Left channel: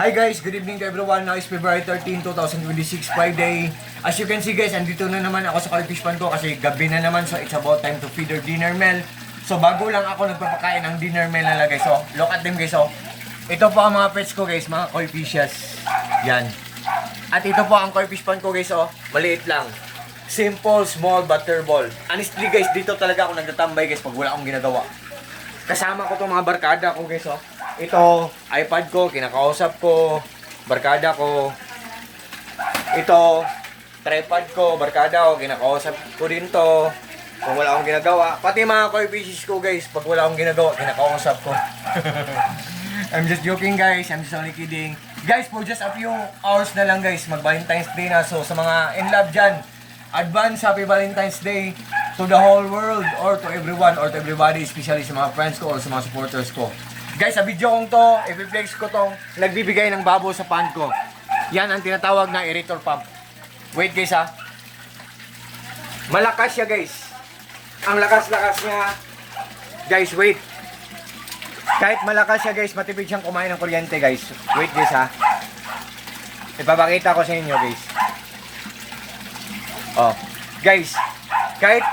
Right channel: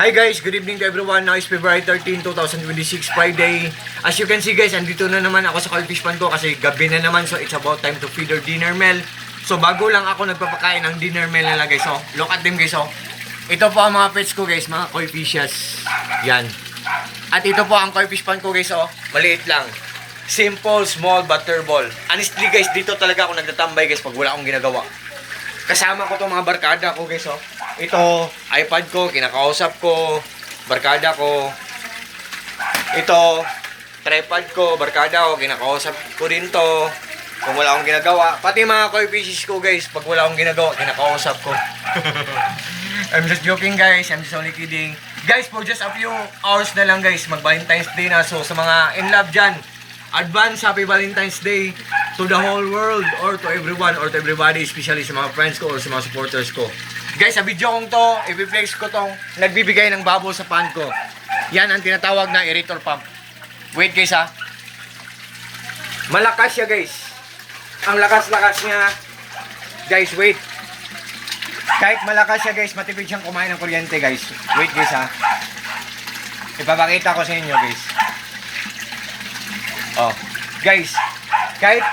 Hi guys, good evening to everyone. Now is February 13, 2026, Friday. As you can see guys, andito na naman ako sa Koi Fish Pan ko kasi gabi na naman, so it's about time to feed our dinner meal. So bago lang ako nagpapakain ng dinner meal nila guys. So look at them guys. So ito po ang mga pets ko guys, mga koi fishes. Yan. At ito po ang Koi Fish Pan ko guys. Oh, maliit lang. Simple, small, butterball. Honestly guys, dito talaga ako nagtatambay guys pag wala akong ginagawa. Kasama ko tong mga barkada ko guys. Oh. Ito, iPad ko, kinakausap ko, barkada ko. Ito, tripod ko, barkada ko, kinakausap ko din to. Kung wala akong ginagawa. Pati mga koi fishes ko guys, pag wala akong ginagawa, kinakausap ko. I'm just joking guys, I'm just only kidding. Guys, for just a few hours na lang guys, mag-Valentine's Day na. So sa mga in love dyan, advance happy Valentine's Day to the whole world or to everyone or to everybody, especially sa mga friends ko or sa mga supporters ko. Guys, sa video kong to, i-flex ko tong nagbibigay ng bubble sa pan ko. Yan ang tinatawag na aerator pump. Wait guys ha. Malakas siya guys. Ang lakas-lakas niya. Guys, wait. Kahit malakas siya guys, matipid siyang kumain ng kuryente guys. Wait guys ha. Ipapakita ko sa inyo guys. Oh. Guys, kahit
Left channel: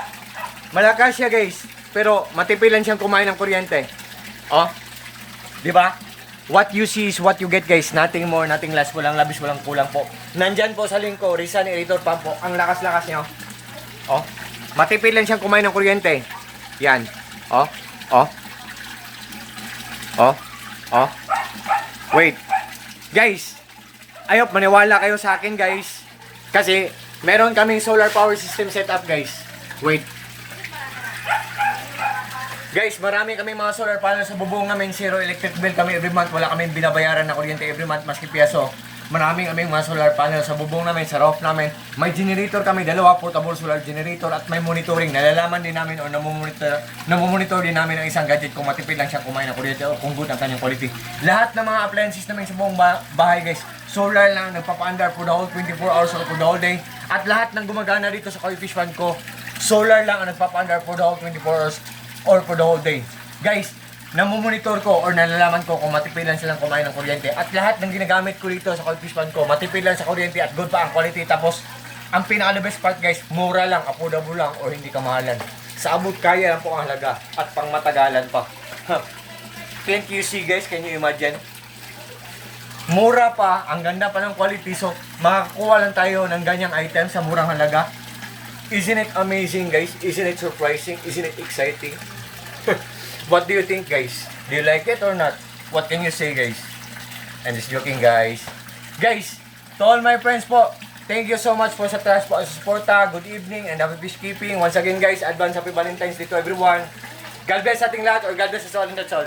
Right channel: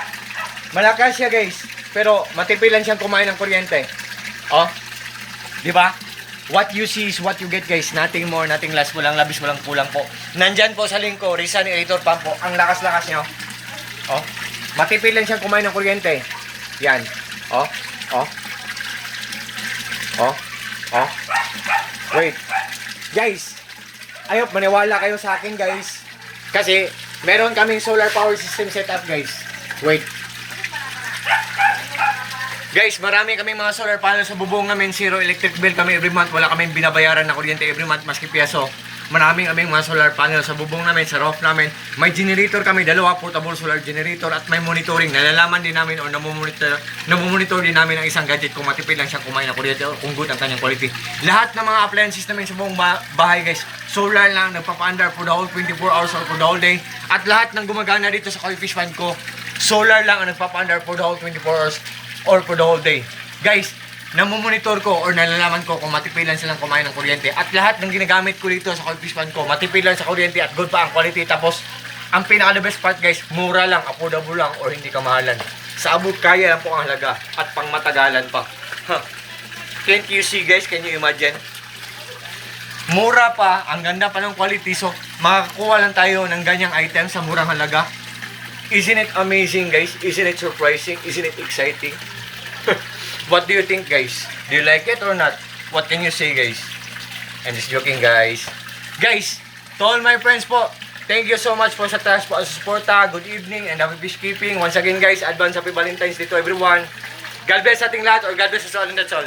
malakas siya guys, pero matipid lang siyang kumain ng kuryente. Oh. Di ba? What you see is what you get guys. Nothing more, nothing less. Walang labis, walang kulang po. Nandyan po sa link ko, Rizan Aerator Pump po. Ang lakas-lakas niya. Oh. Matipid lang siyang kumain ng kuryente. Yan. Oh. Oh. Oh. Oh. Wait. Guys. Ayop, maniwala kayo sa akin guys. Kasi meron kaming solar power system setup guys. Wait. Guys, marami kaming mga solar panels sa bubong namin. Zero electric bill kami every month. Wala kaming binabayaran na kuryente every month, maski piyaso. Maraming kaming mga solar panels sa bubong namin, sa roof namin. May generator kami, dalawa portable solar generator at may monitoring. Nalalaman din namin o namomonitor din namin ang isang gadget kung matipid lang siyang kumain ng kuryente o kung good ang kanyang quality. Lahat ng mga appliances namin sa buong bahay guys, solar lang, nagpapa-under for the whole 24 hours or for the whole day. At lahat ng gumagana dito sa Koi Fish Pan ko, solar lang ang nagpapa-under for the whole 24 hours or for the whole day. Guys, namomonitor ko or nalalaman ko kung matipid lang silang kumain ng kuryente. At lahat ng ginagamit ko dito sa Koi Fish Pan ko, matipid lang sa kuryente at good pa ang quality. Tapos, ang pinaka the best part guys, mura lang, affordable lang or hindi kamahalan. Sa abot kaya lang po ang halaga at pang matagalan pa. Can't you see guys? Can you imagine? Mura pa, ang ganda pa ng quality. So, makakuha lang tayo ng ganyang item sa murang halaga. Isn't it amazing guys? Isn't it surprising? Isn't it exciting? What do you think guys? Do you like it or not? What can you say guys? I'm just joking guys. Guys, to all my friends po, thank you so much for sa trust po sa suporta. Good evening and happy fish keeping. Once again guys, advance happy Valentine's Day to everyone. God bless ating lahat or God bless us all and that's all.